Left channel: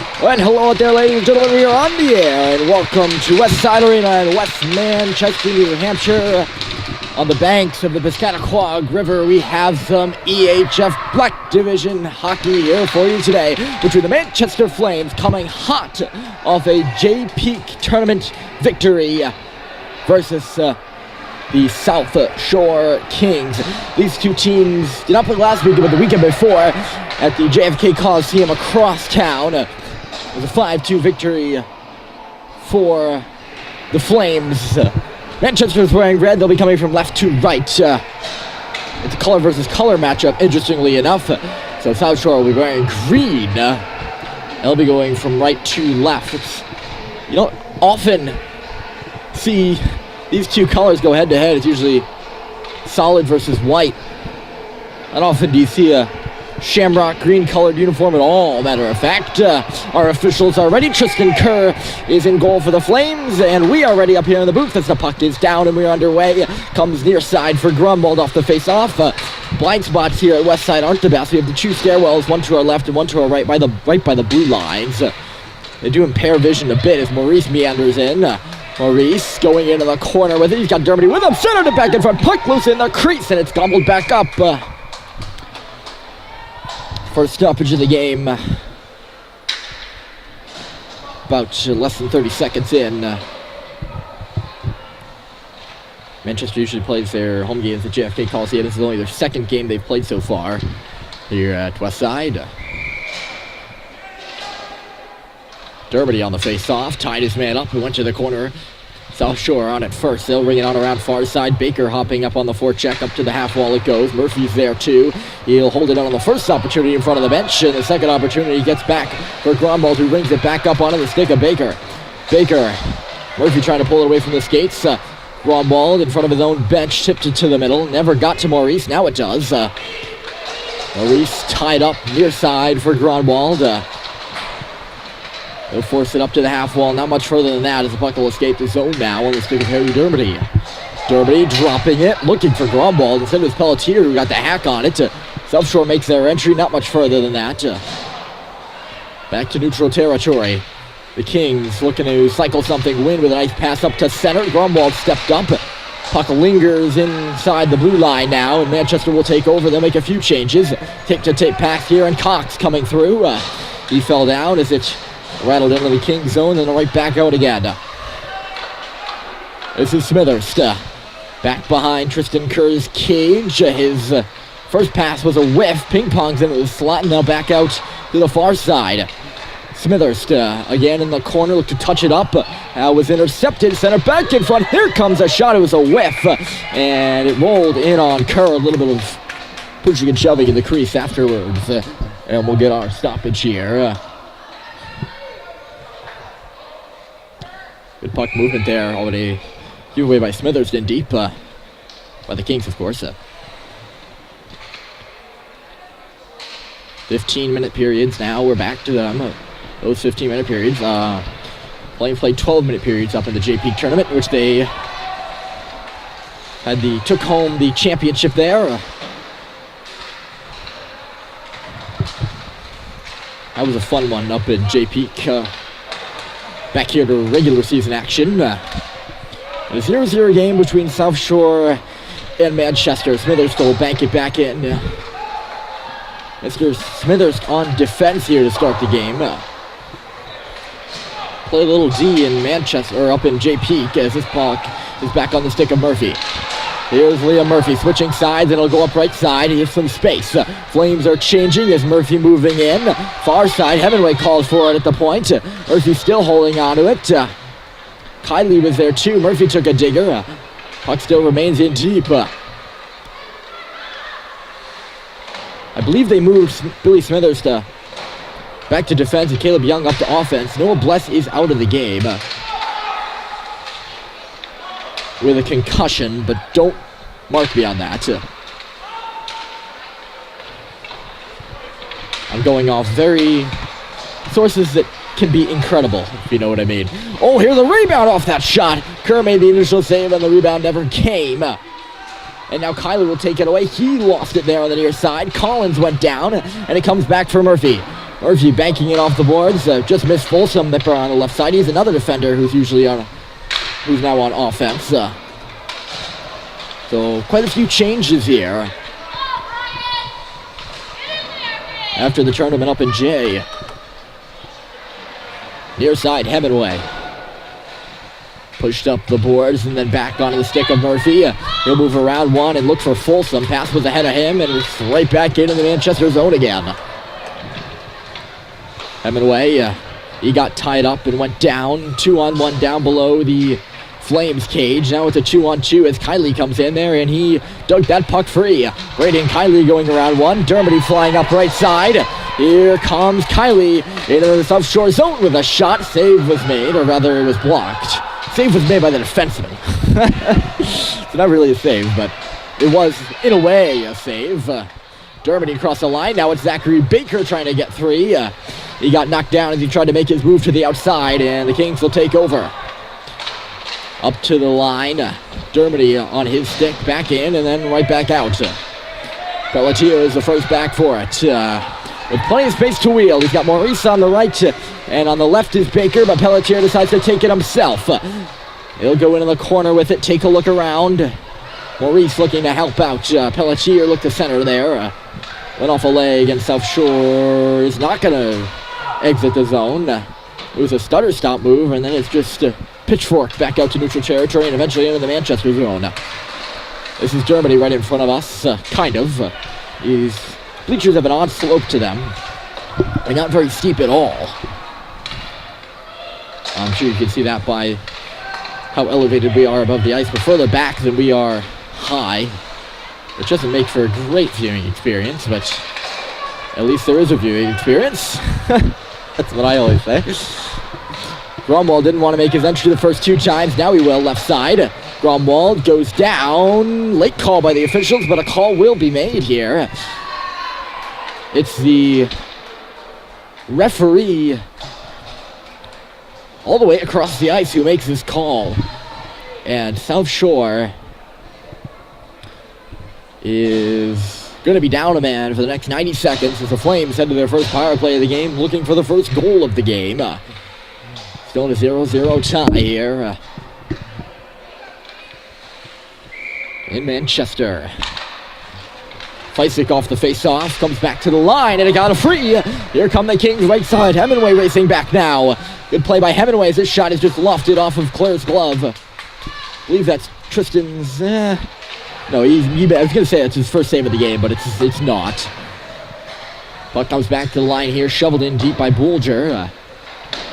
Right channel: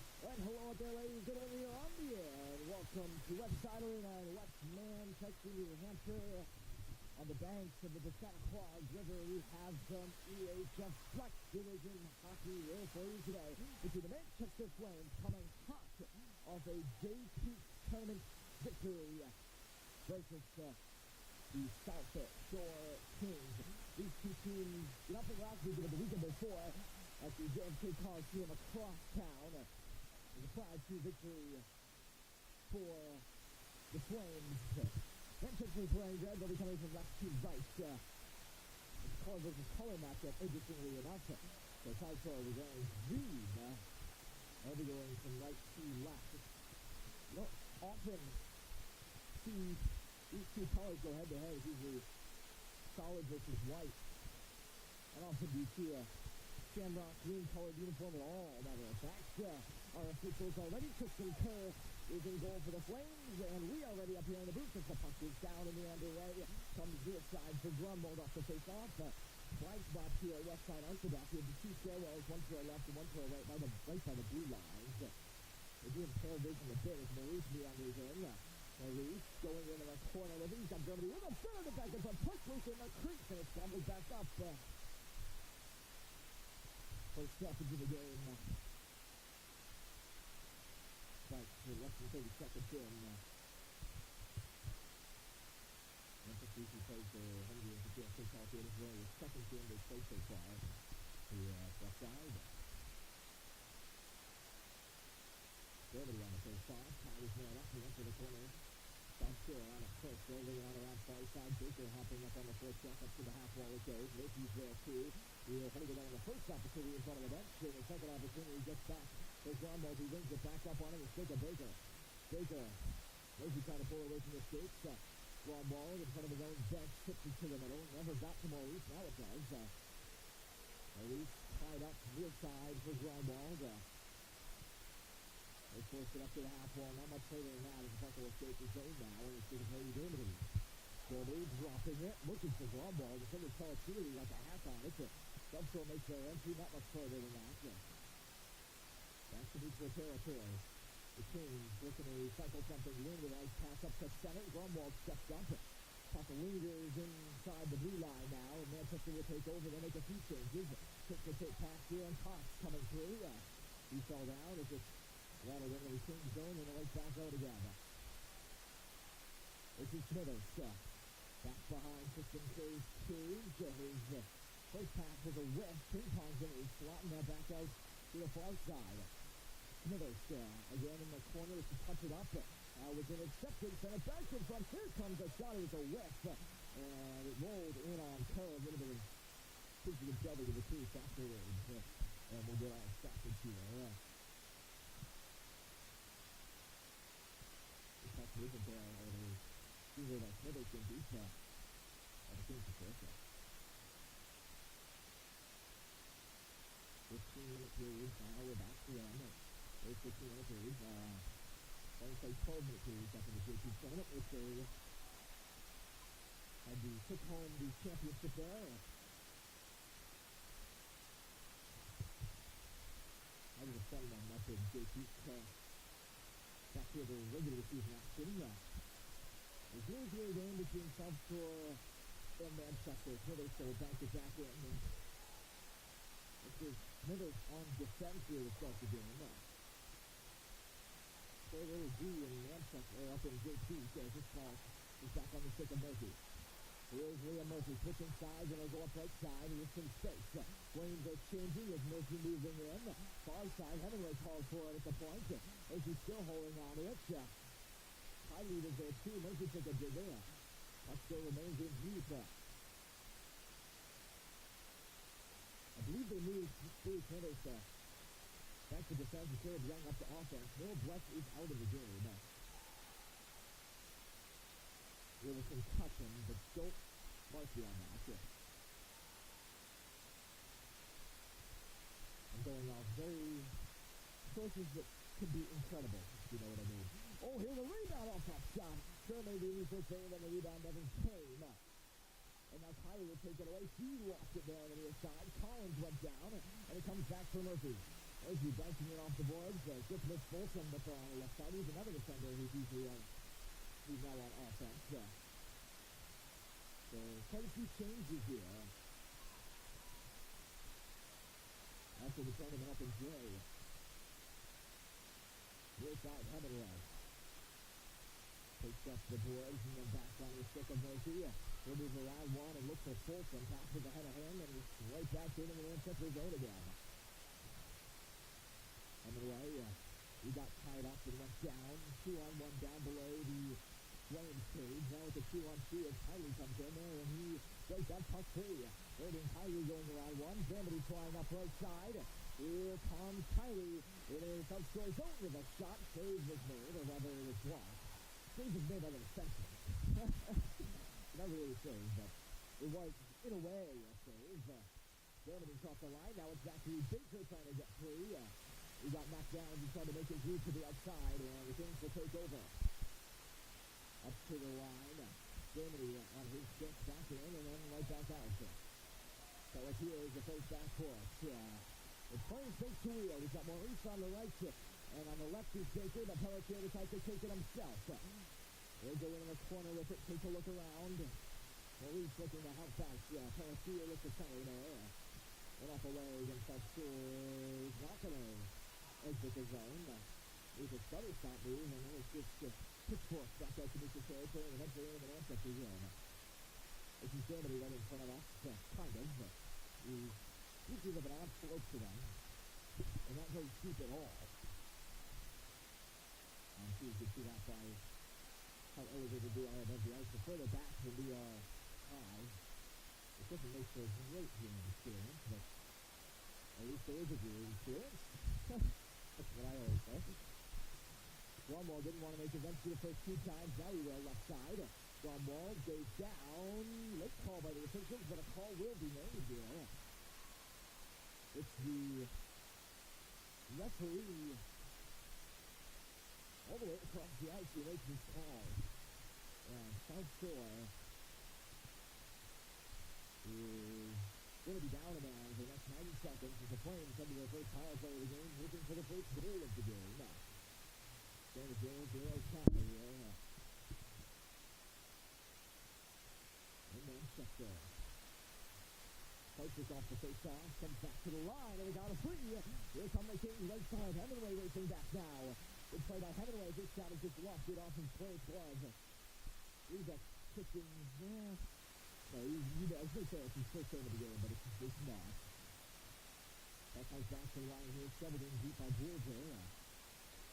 And hello out there, ladies and gentlemen, we are on the air, and welcome to Westside Arena in West Manchester, New Hampshire. On the banks of the Piscataquag River, we have some EHF Black Division hockey here for you today, between the Manchester Flames coming hot off a J-Peak tournament victory versus the South Shore Kings. These two teams did not play last weekend, but the weekend before at the JFK Coliseum across town. It was a 5-2 victory for the Flames. Manchester's wearing red. They'll be coming from left to right. It's a color versus color matchup, interestingly enough. So South Shore will be wearing green. They'll be going from right to left. You don't often see these two colors go head-to-head. It's usually solid versus white. Not often do you see a shamrock green colored uniform at all, matter of fact. Our officials are ready. Tristan Kerr is in goal for the Flames, and we are ready up here in the booth as the puck is down and we're underway. Comes near side for Grunwald off the face-off. Blind spots here at Westside aren't the best. We have the two stairwells, one to our left and one to our right by the blue lines. They do impair vision a bit as Maurice meanders in. Maurice going into the corner with it. He's got Dermody with him. Centered it back in front. Puck loose in the crease, and it's gobbled back up. First stoppage of the game. About less than 30 seconds in. Manchester usually plays their home games at JFK Coliseum. This is only their second game they've played so far here at Westside. Dermody on the face-off, tied his man up and went to the corner. South Shore on it first. They'll bring it on around far side. Baker hopping up on the forecheck. Up to the half wall it goes. Murphy's there too. He'll hold it on the first opportunity in front of the bench. And the second opportunity gets back for Grunwald, who rings it back up onto the stick of Baker. Murphy trying to pull it away from the skates. Grunwald in front of his own bench. Tipped it to the middle. Never got to Maurice. Now it does. Maurice tied up near side for Grunwald. They'll force it up to the half wall. Not much further than that as the puck will escape the zone now on the stick of Harry Dermody. Dermody dropping it, looking for Grunwald. Instead it was Pelletier who got the hack on it. South Shore makes their entry, not much further than that. Back to neutral territory. The Kings looking to cycle something, win with a nice pass up to center. Grunwald stepped up. Puck lingers inside the blue line now, and Manchester will take over. They'll make a few changes. Take-to-take pass here, and Cox coming through. He fell down as it rattled into the Kings zone and right back out again. This is Smithers. Back behind Tristan Kerr's cage. His first pass was a whiff. Ping-pongs into the slot and now back out to the far side. Smithers again in the corner. Looked to touch it up. Was intercepted. Center back in front. Here comes a shot. It was a whiff. And it rolled in on Kerr. A little bit of pushing and shoving in the crease afterwards. And we'll get our stoppage here. Good puck movement there, already given away by Smithers in deep, by the Kings, of course. 15-minute periods now, we're back to them, those 15-minute periods. Flames played 12-minute periods up in the J-Peak tournament, which they took home the championship there. That was a fun one up in J-Peak. Back here to regular season action. A 0-0 game between South Shore and Manchester. Smithers will bank it back in. Mr. Smithers on defense here to start the game. Play a little D in Manchester, or up in J-Peak, as this puck is back on the stick of Murphy. Here's Liam Murphy switching sides, and it'll go up right side. He has some space. Flames are changing as Murphy moving in. Far side, Hemingway calls for it at the point. Murphy still holding on to it. Kiley was there too. Murphy took a digger. Puck still remains in deep. I believe they moved Billy Smithers back to defense and Caleb Young up to offense. Noah Bless is out of the game with a concussion, but don't mark me on that. I'm going off sources that can be incredible, if you know what I mean. Oh, here's a rebound off that shot. Kerr made the initial save and the rebound never came. And now Kyler will take it away. He lost it there on the near side. Collins went down, and it comes back for Murphy. Murphy banking it off the boards. Just missed Folsom Nipper on the left side. He's another defender who's now on offense. So quite a few changes here after the tournament up in J. Near side, Hemingway. Pushed up the boards and then back onto the stick of Murphy. He'll move around one and look for Folsom. Pass was ahead of him and it's right back into the Manchester zone again. Hemingway, he got tied up and went down. 2-on-1 down below the Flames cage. Now it's a 2-on-2 as Kiley comes in there and he dug that puck free. Braden Kiley going around one. Dermody flying up right side. Here comes Kiley into the South Shore zone with a shot. Save was made, or rather it was blocked. Save was made by the defenseman. It's not really a save, but it was, in a way, a save. Dermody across the line. Now it's Zachary Baker trying to get three. He got knocked down as he tried to make his move to the outside, and the Kings will take over. Up to the line. Dermody on his stick, back in, and then right back out. Pelletier is the first back for it. With plenty of space to wheel. He's got Maurice on the right, and on the left is Baker, but Pelletier decides to take it himself. He'll go into the corner with it, take a look around. Maurice looking to help out. Pelletier looked to center there. Went off a leg, and South Shore is not going to exit the zone. It was a stutter stop move, and then it's just pitchfork back out to neutral territory and eventually into the Manchester zone. This is Germany right in front of us, kind of. These bleachers have an odd slope to them. They're not very steep at all. I'm sure you can see that by how elevated we are above the ice. We're further back than we are high, which doesn't make for a great viewing experience, but at least there is a viewing experience. That's what I always say. Gromwald didn't want to make his entry the first two times. Now he will, left side. Gromwald goes down. Late call by the officials, but a call will be made here. It's the referee all the way across the ice who makes this call. And South Shore is going to be down a man for the next 90 seconds as the Flames head to their first power play of the game, looking for the first goal of the game. Still in a 0-0 tie here in Manchester. Feisik off the face-off, comes back to the line, and it got a free. Here come the Kings right side. Hemingway racing back now. Good play by Hemingway as this shot is just lofted off of Claire's glove. I believe that's Tristan's... No, I was going to say it's his first save of the game, but it's not. Puck comes back to the line here, shoveled in deep by Boulger.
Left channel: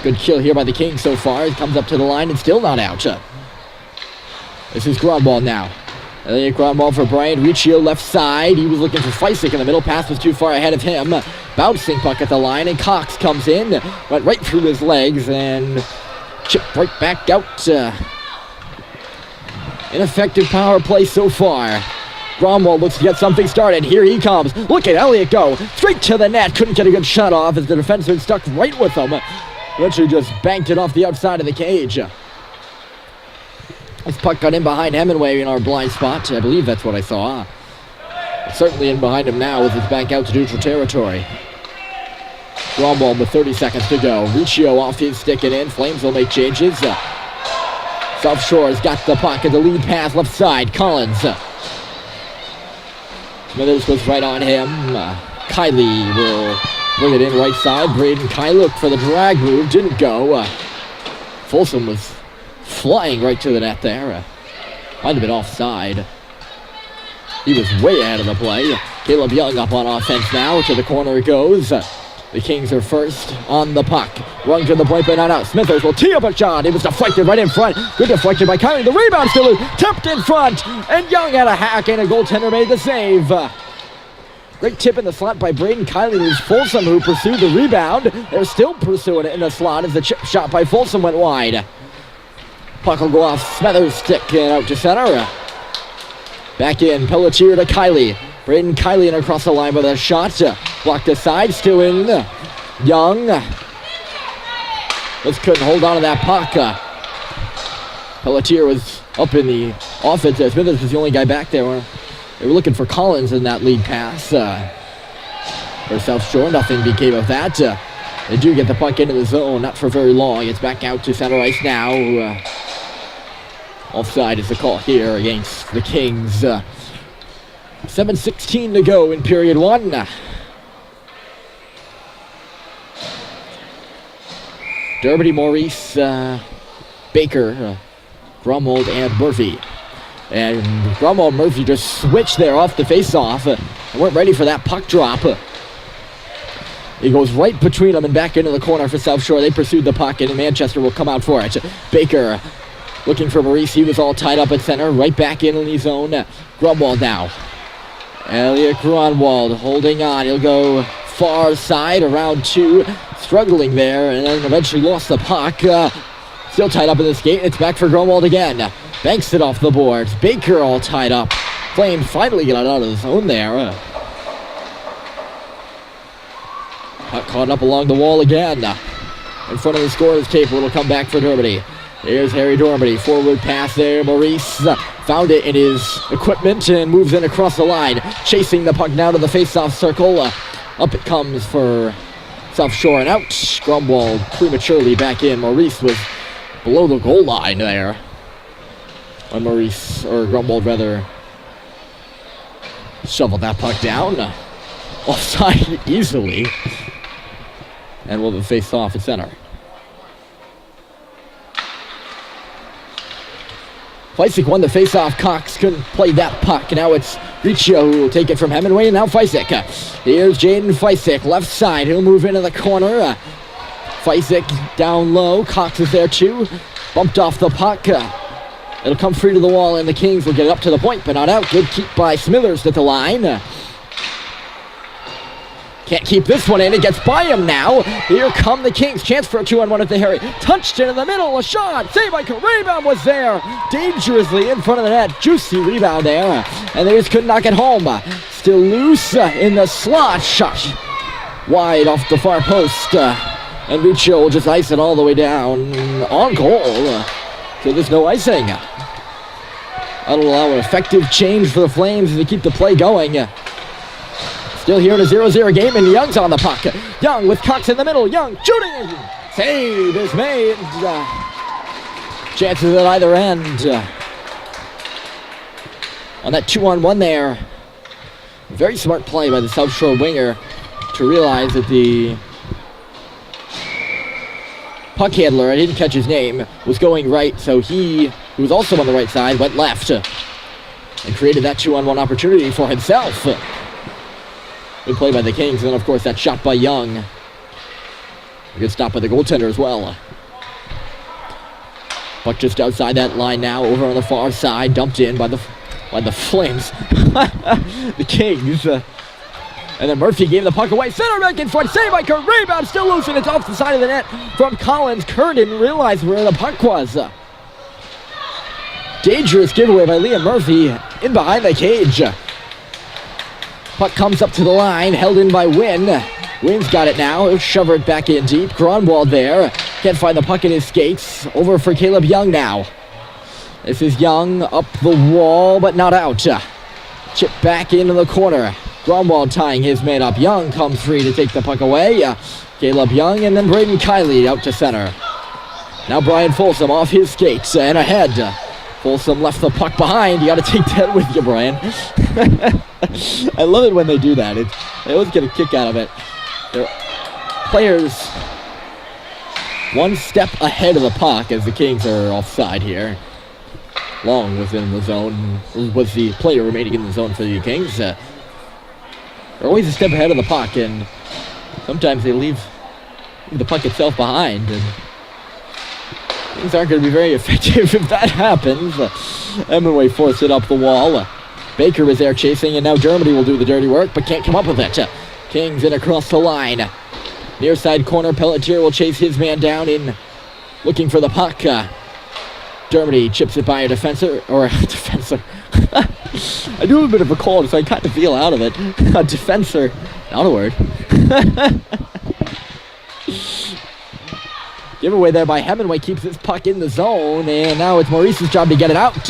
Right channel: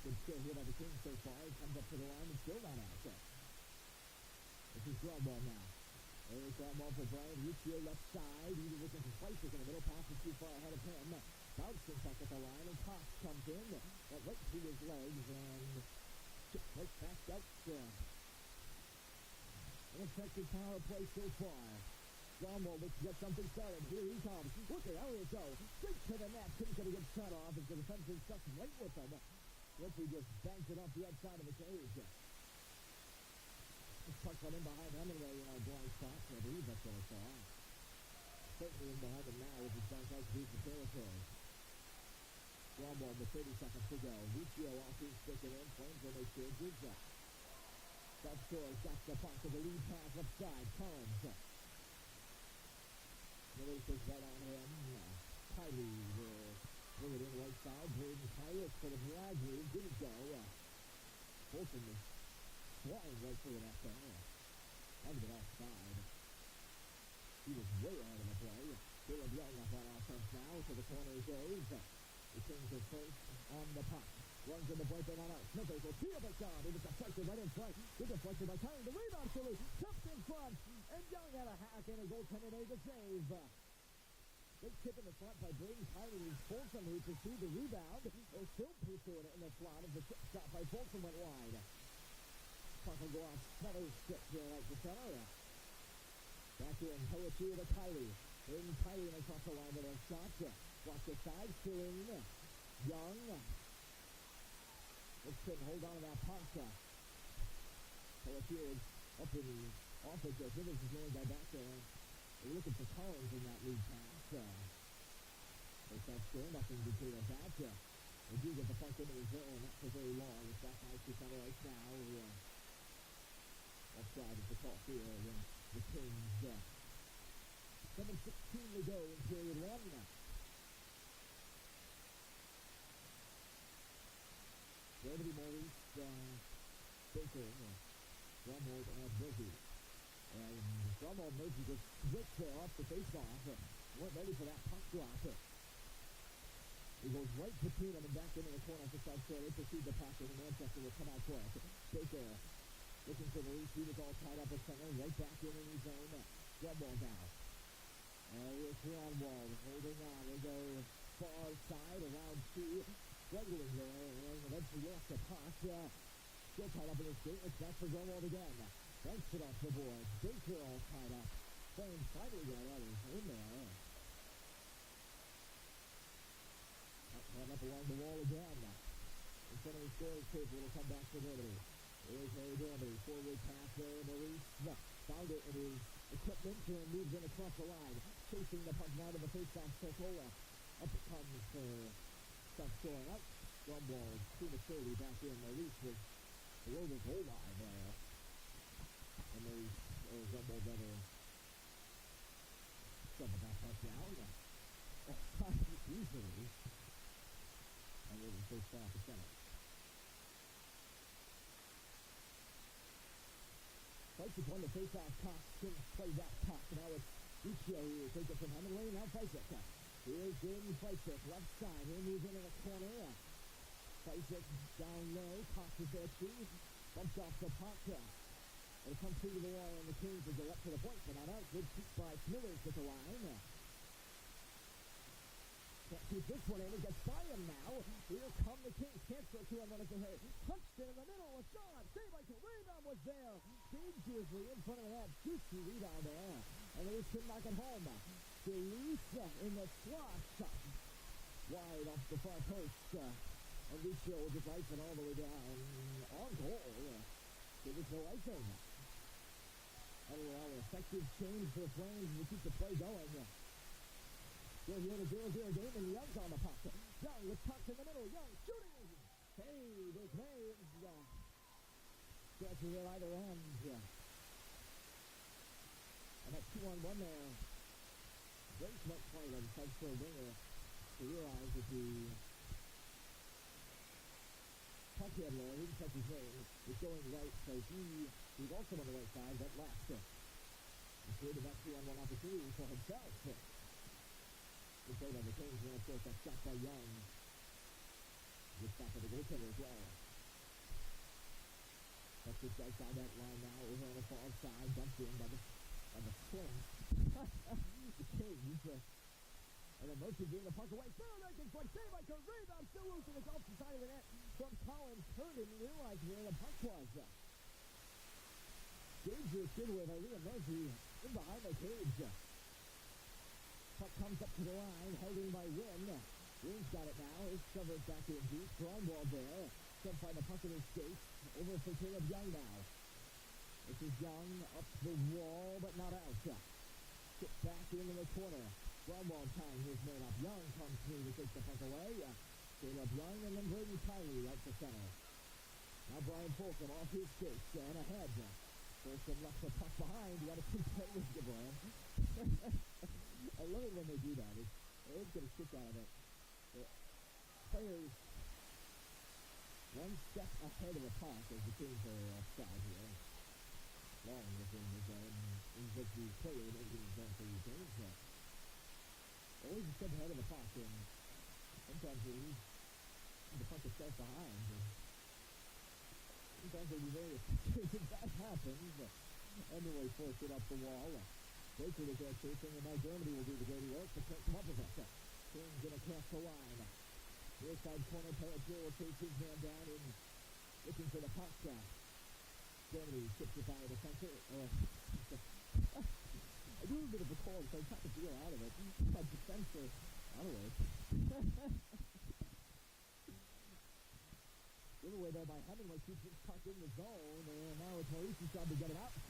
Good kill here by the Kings so far. He comes up to the line and still not out. This is Gromwald now. Gromwald for Brian Riccio left side. He was looking for Feisik in the middle. Pass was too far ahead of him. Bouncing puck at the line, and Cox comes in. Went right through his legs and chipped right back out. Ineffective power play so far. Gromwald looks to get something started. Here he comes. Look at Elliott go. Straight to the net. Couldn't get a good shot off as the defenseman stuck right with him. Eventually just banked it off the outside of the cage. This puck got in behind Hemingway in our blind spot. I believe that's what I saw. It's certainly in behind him now with his back out to neutral territory. Gromwald with 30 seconds to go. Riccio off his stick and in. Flames will make changes. South Shore's got the puck at the lead pass left side. Collins. Smithers goes right on him. Kiley will bring it in right side. Braden Kiley looked for the drag move. Didn't go. Folsom was flying right to the net there. Might have been offside. He was way ahead of the play. Caleb Young up on offense now. To the corner it goes. The Kings are first on the puck. Rung to the point, but not out. Smithers will tee up a shot. It was deflected right in front. Good deflection by Kiley. The rebound still is tipped in front. And Young had a hack, and a goaltender made the save. Great tip in the slot by Braden Kiley. It was Folsom who pursued the rebound. They're still pursuing it in the slot as the chip shot by Folsom went wide. Puck will go off Smithers' stick and out to center. Back in, Pelletier to Kiley. Braden Kiley in across the line with a shot. Blocked aside, still in. Young. Just couldn't hold on to that puck. Pelletier was up in the offense. Smithers was the only guy back there. They were looking for Collins in that lead pass. For South Shore, nothing became of that. They do get the puck into the zone, not for very long. It's back out to center ice now. Offside is the call here against the Kings. 7:16 to go in period one. Dermody, Maurice, Baker, Grunwald, and Murphy. And Grunwald and Murphy just switched there off the face-off. Weren't ready for that puck drop. He goes right between them and back into the corner for South Shore. They pursued the puck, and Manchester will come out for it. Baker looking for Maurice. He was all tied up at center. Right back in his zone. Grunwald now. Elliot Grunwald holding on. He'll go far side around two. Struggling there, and then eventually lost the puck. Still tied up in the skate. It's back for Grunwald again. Banks it off the boards. Baker all tied up. Flames finally get out of the zone there. Puck caught up along the wall again. In front of the scorer's table, it'll come back for Dermody. Here's Harry Dermody. Forward pass there. Maurice found it in his equipment and moves in across the line. Chasing the puck down to the face-off circle. Up it comes for South Shore and out. Grunwald prematurely back in. Maurice was below the goal line there. Grunwald rather, shoveled that puck down. Offside easily. And will face off at center. Feisik won the face-off. Cox couldn't play that puck. Now it's Riccio who will take it from Hemingway, and now Feisik. Here's Jaden Feisik, left side. He'll move into the corner. Feisik down low. Cox is there too. Bumped off the puck. It'll come free to the wall, and the Kings will get it up to the point, but not out. Good keep by Smithers at the line. Can't keep this one in. It gets by him now. Here come the Kings. Chance for a 2-on-1 at the Harry. Touched it in the middle. A shot. Save by rebound was there. Dangerously in front of the net. Juicy rebound there. And they just couldn't knock it home. Still loose in the slot. Shot wide off the far post. And Riccio will just ice it all the way down. On goal. So there's no icing. That'll allow an effective change for the Flames as they keep the play going. Still here in a 0-0 game, and Young's on the puck. Young with Cox in the middle. Young shooting. Save is made. Chances at either end. On that 2-on-1 there. Very smart play by the South Shore winger to realize that the puck handler, I didn't catch his name, was going right, so he, who was also on the right side, went left and created that 2-on-1 opportunity for himself. Good play by the Kings, and then of course that shot by Young. A good stop by the goaltender as well. Puck just outside that line now, over on the far side, dumped in by the Flames. The Kings. And then Murphy gave the puck away. Center back in front. Save by Kurt. Rebound still loose, and it's off the side of the net from Collins. Kurt didn't realize where the puck was. Dangerous giveaway by Liam Murphy in behind the cage. Puck comes up to the line, held in by Wynn. Wynn's got it now. He'll shove it back in deep. Grunwald there. Can't find the puck in his skates. Over for Caleb Young now. This is Young up the wall, but not out. Chip back into the corner. Grunwald tying his man up. Young comes free to take the puck away. Caleb Young, and then Braden Kiley out to center. Now Brian Folsom off his skates and ahead. Folsom left the puck behind. You got to take that with you, Brian. I love it when they do that. They always get a kick out of it. They're players one step ahead of the puck as the Kings are offside here. Long was in the zone. Was the player remaining in the zone for the Kings. They're always a step ahead of the puck, and sometimes they leave the puck itself behind. And things aren't going to be very effective if that happens. Hemingway forced it up the wall. Baker is there chasing, and now Dermody will do the dirty work, but can't come up with it. Kings in across the line. Near side corner, Pelletier will chase his man down in looking for the puck. Dermody chips it by a defensor. I do have a bit of a cold, so I kind of feel out of it. A defensor. Not a word. Giveaway there by Hemingway keeps his puck in the zone, and now it's Maurice's job to get it out.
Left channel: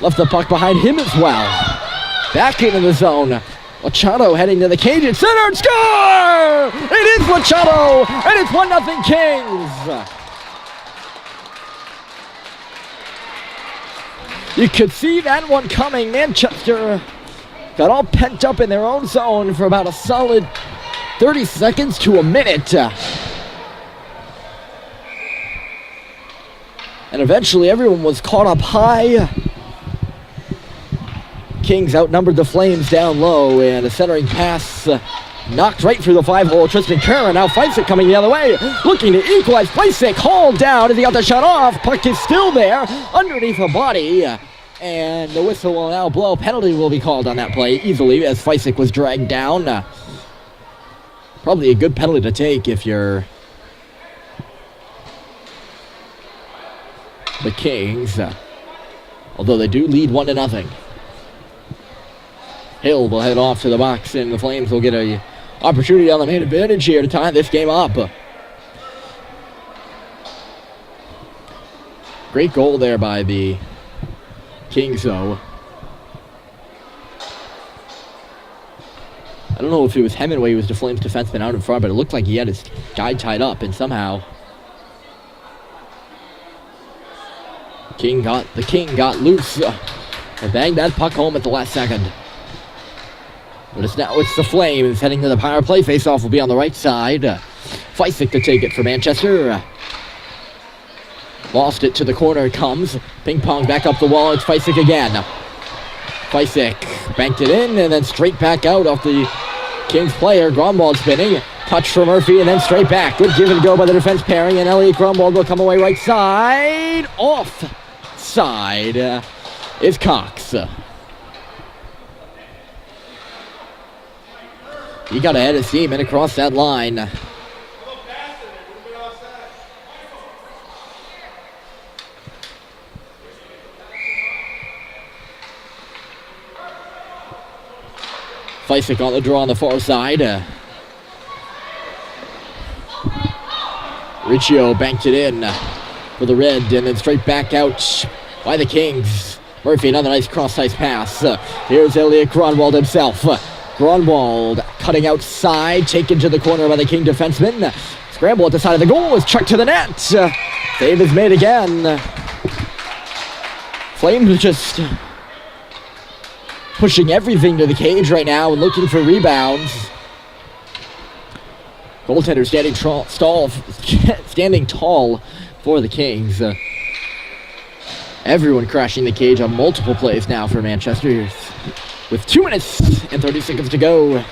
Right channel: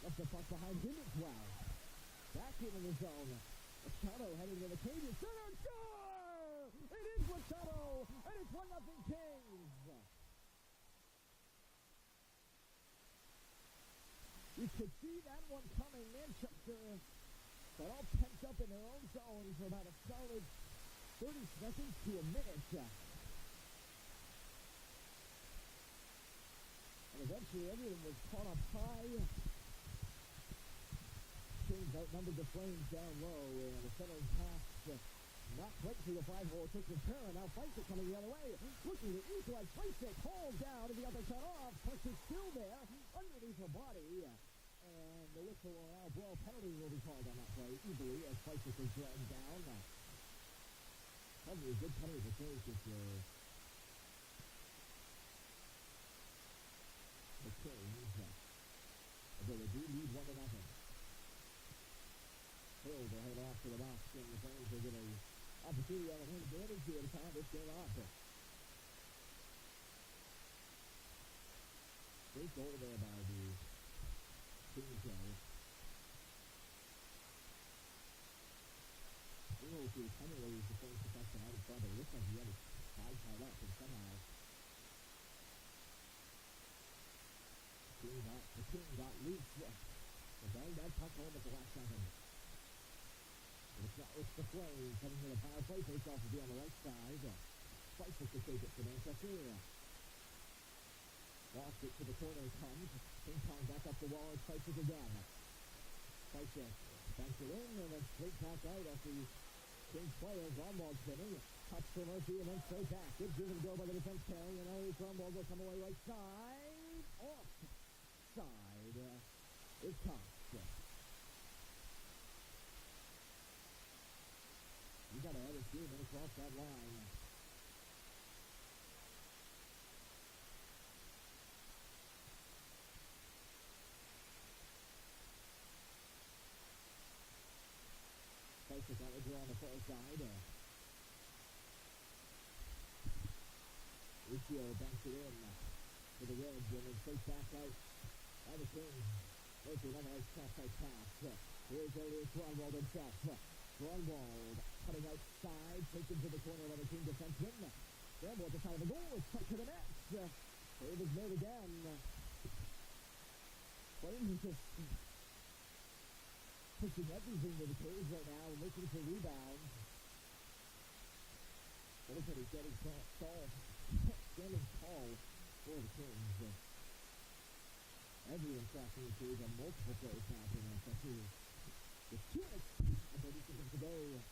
Left the puck behind him as well. Back into the zone. Machado heading to the cage and center and score! It is Machado, and it's 1-0 Kings. You could see that one coming. Manchester got all pent up in their own zone for about a solid 30 seconds to a minute. And eventually everyone was caught up high. Kings outnumbered the Flames down low, and a centering pass knocked right through the 5-hole. Tristan Kerr now fights it coming the other way, looking to equalize. Fleisick hauled down as he got the shot off. Puck is still there underneath the body, and the whistle will now blow. Penalty will be called on that play easily as Fleisick was dragged down. Probably a good penalty to take if you're the Kings, although they do lead 1-0. Hill will head off to the box, and the Flames will get a opportunity on the main advantage here to tie this game up. Great goal there by the Kings, though. I don't know if it was Hemingway who was the Flames defenseman out in front, but it looked like he had his guy tied up, and somehow the King got loose and banged that puck home at the last second. But it's the Flames heading to the power play. Face-off will be on the right side. Fleisick to take it for Manchester. Lost it to the corner. It comes. Ping pong back up the wall. It's Fleisick again. Fleisick banked it in and then straight back out off the Kings player. Gromwald spinning. Touch for Murphy and then straight back. Good give and go by the defense pairing, and Elliot Gromwald will come away right side. Off side is Cox. He got ahead of steam and across that line. Fleisick on the draw on the far side. Riccio banked it in for the Red and then straight back out by the Kings. Murphy, another nice cross-ice pass. Here's Elliot Gromwald himself. Gromwald cutting outside, taken to the corner by the King defenseman. Scramble at the side of the goal is chucked to the net. Save is made again. Flames just pushing everything to the cage right now and looking for rebounds. Goaltender standing tall for the Kings. Everyone crashing the cage on multiple plays now for Manchester. With 2 minutes and 30 seconds to go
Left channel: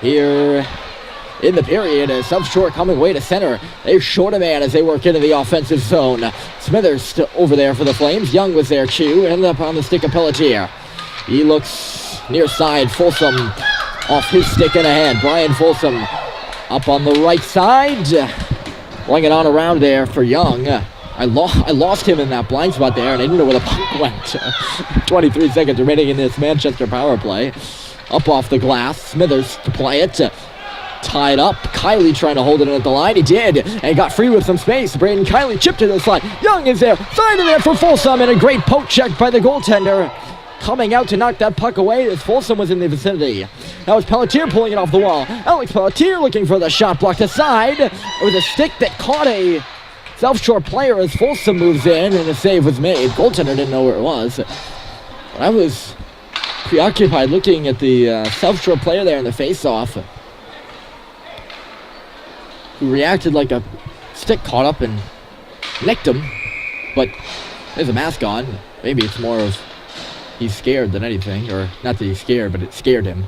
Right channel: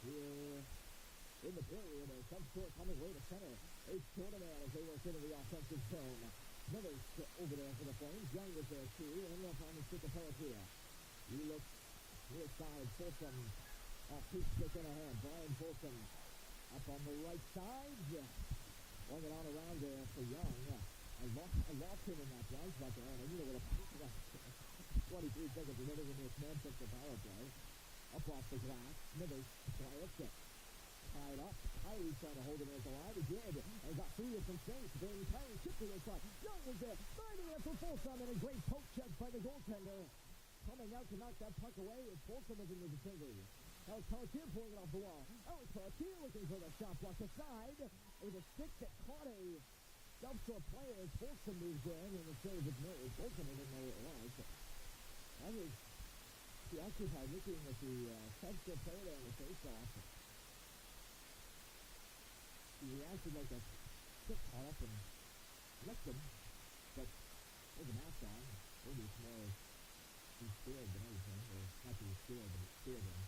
here in the period. South Shore coming way to center. They short a man as they work into the offensive zone. Smithers over there for the Flames. Young was there too. Ended up on the stick of Pelletier. He looks near side. Folsom off his stick and ahead. Brian Folsom up on the right side. Laying it on around there for Young. I lost him in that blind spot there, and I didn't know where the puck went. 23 seconds remaining in this Manchester power play. Up off the glass. Smithers to play it. Tied up. Kiley trying to hold it in at the line. He did, and got free with some space. Braden Kiley chipped to the slide. Young is there. Side of there for Folsom, and a great poke check by the goaltender. Coming out to knock that puck away as Folsom was in the vicinity. That was Pelletier pulling it off the wall. Alex Pelletier looking for the shot, blocked aside. It was a stick that caught a South Shore player as Folsom moves in, and a save was made. Goaltender didn't know where it was. I was preoccupied looking at the South Shore player there in the face-off, who reacted like a stick caught up and nicked him. But there's a mask on. Maybe it's more of he's scared than anything, or not that he's scared, but it scared him.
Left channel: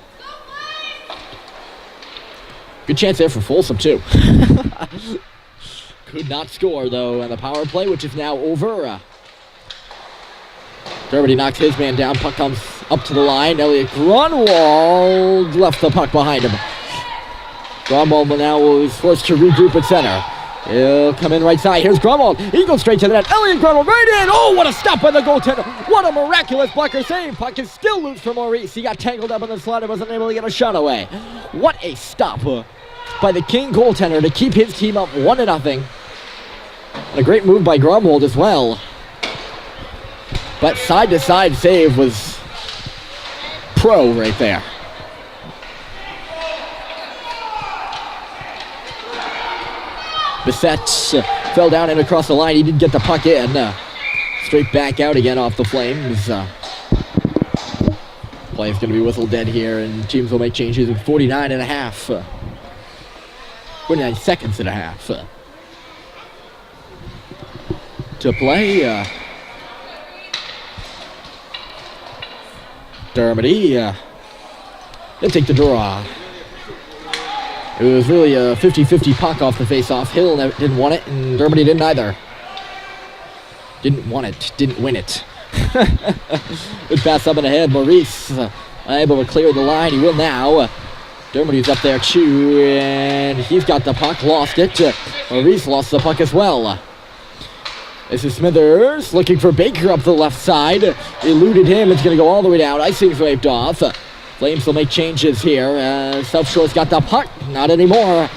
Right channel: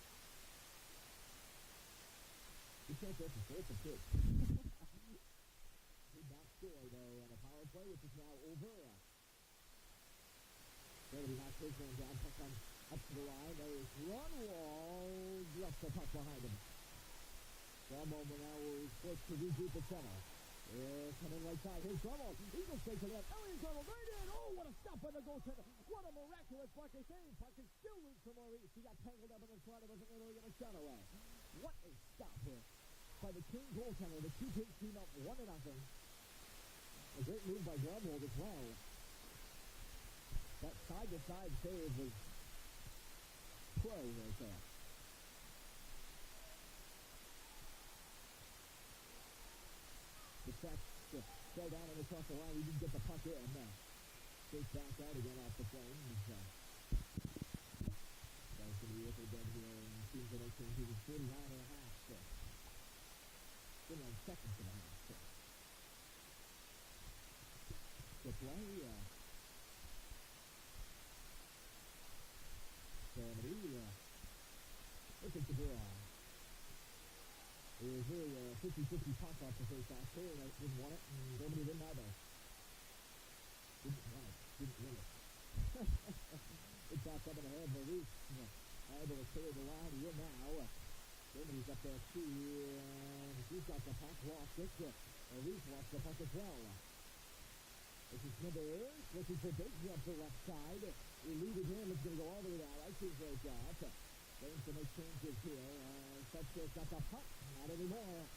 Good chance there for Folsom too. Could not score, though, on the power play, which is now over. Dermody knocks his man down. Puck comes up to the line. Elliot Gromwald left the puck behind him. Gromwald now is forced to regroup at center. He'll come in right side. Here's Gromwald. He goes straight to the net. Elliot Gromwald right in. Oh, what a stop by the goaltender. What a miraculous blocker save. Puck is still loose for Maurice. He got tangled up in the slot and wasn't able to get a shot away. What a stop by the King goaltender to keep his team up 1-0. And a great move by Gromwald as well. But side-to-side save was pro right there. Bissett fell down and across the line. He didn't get the puck in. Straight back out again off the Flames. Play is going to be whistled dead here, and teams will make changes in 49 and a half. 49 seconds and a half. To play. Dermody. They'll take the draw. It was really a 50-50 puck off the face-off. Hill didn't want it, and Dermody didn't either. Didn't want it, didn't win it. Good pass up and ahead. Maurice unable to clear the line. He will now. Dermody's up there too, and he's got the puck, lost it. Maurice lost the puck as well. This is Smithers looking for Baker up the left side. Eluded him. It's going to go all the way down. Icing's waved off. Flames will make changes here. South Shore's got the puck. Not anymore.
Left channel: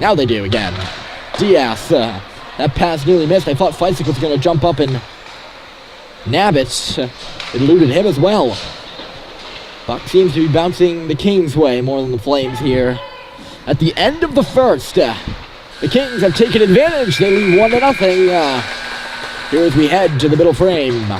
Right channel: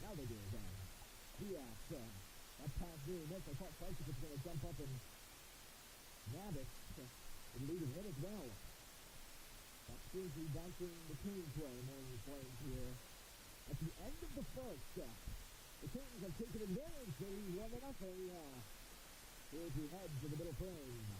Now they do again. Diaz. That pass nearly missed. I thought Feisik was going to jump up and nab it. Eluded him as well. Puck seems to be bouncing the Kings' way more than the Flames here. At the end of the first, the Kings have taken advantage. They lead 1-0. Here as we head to the middle frame.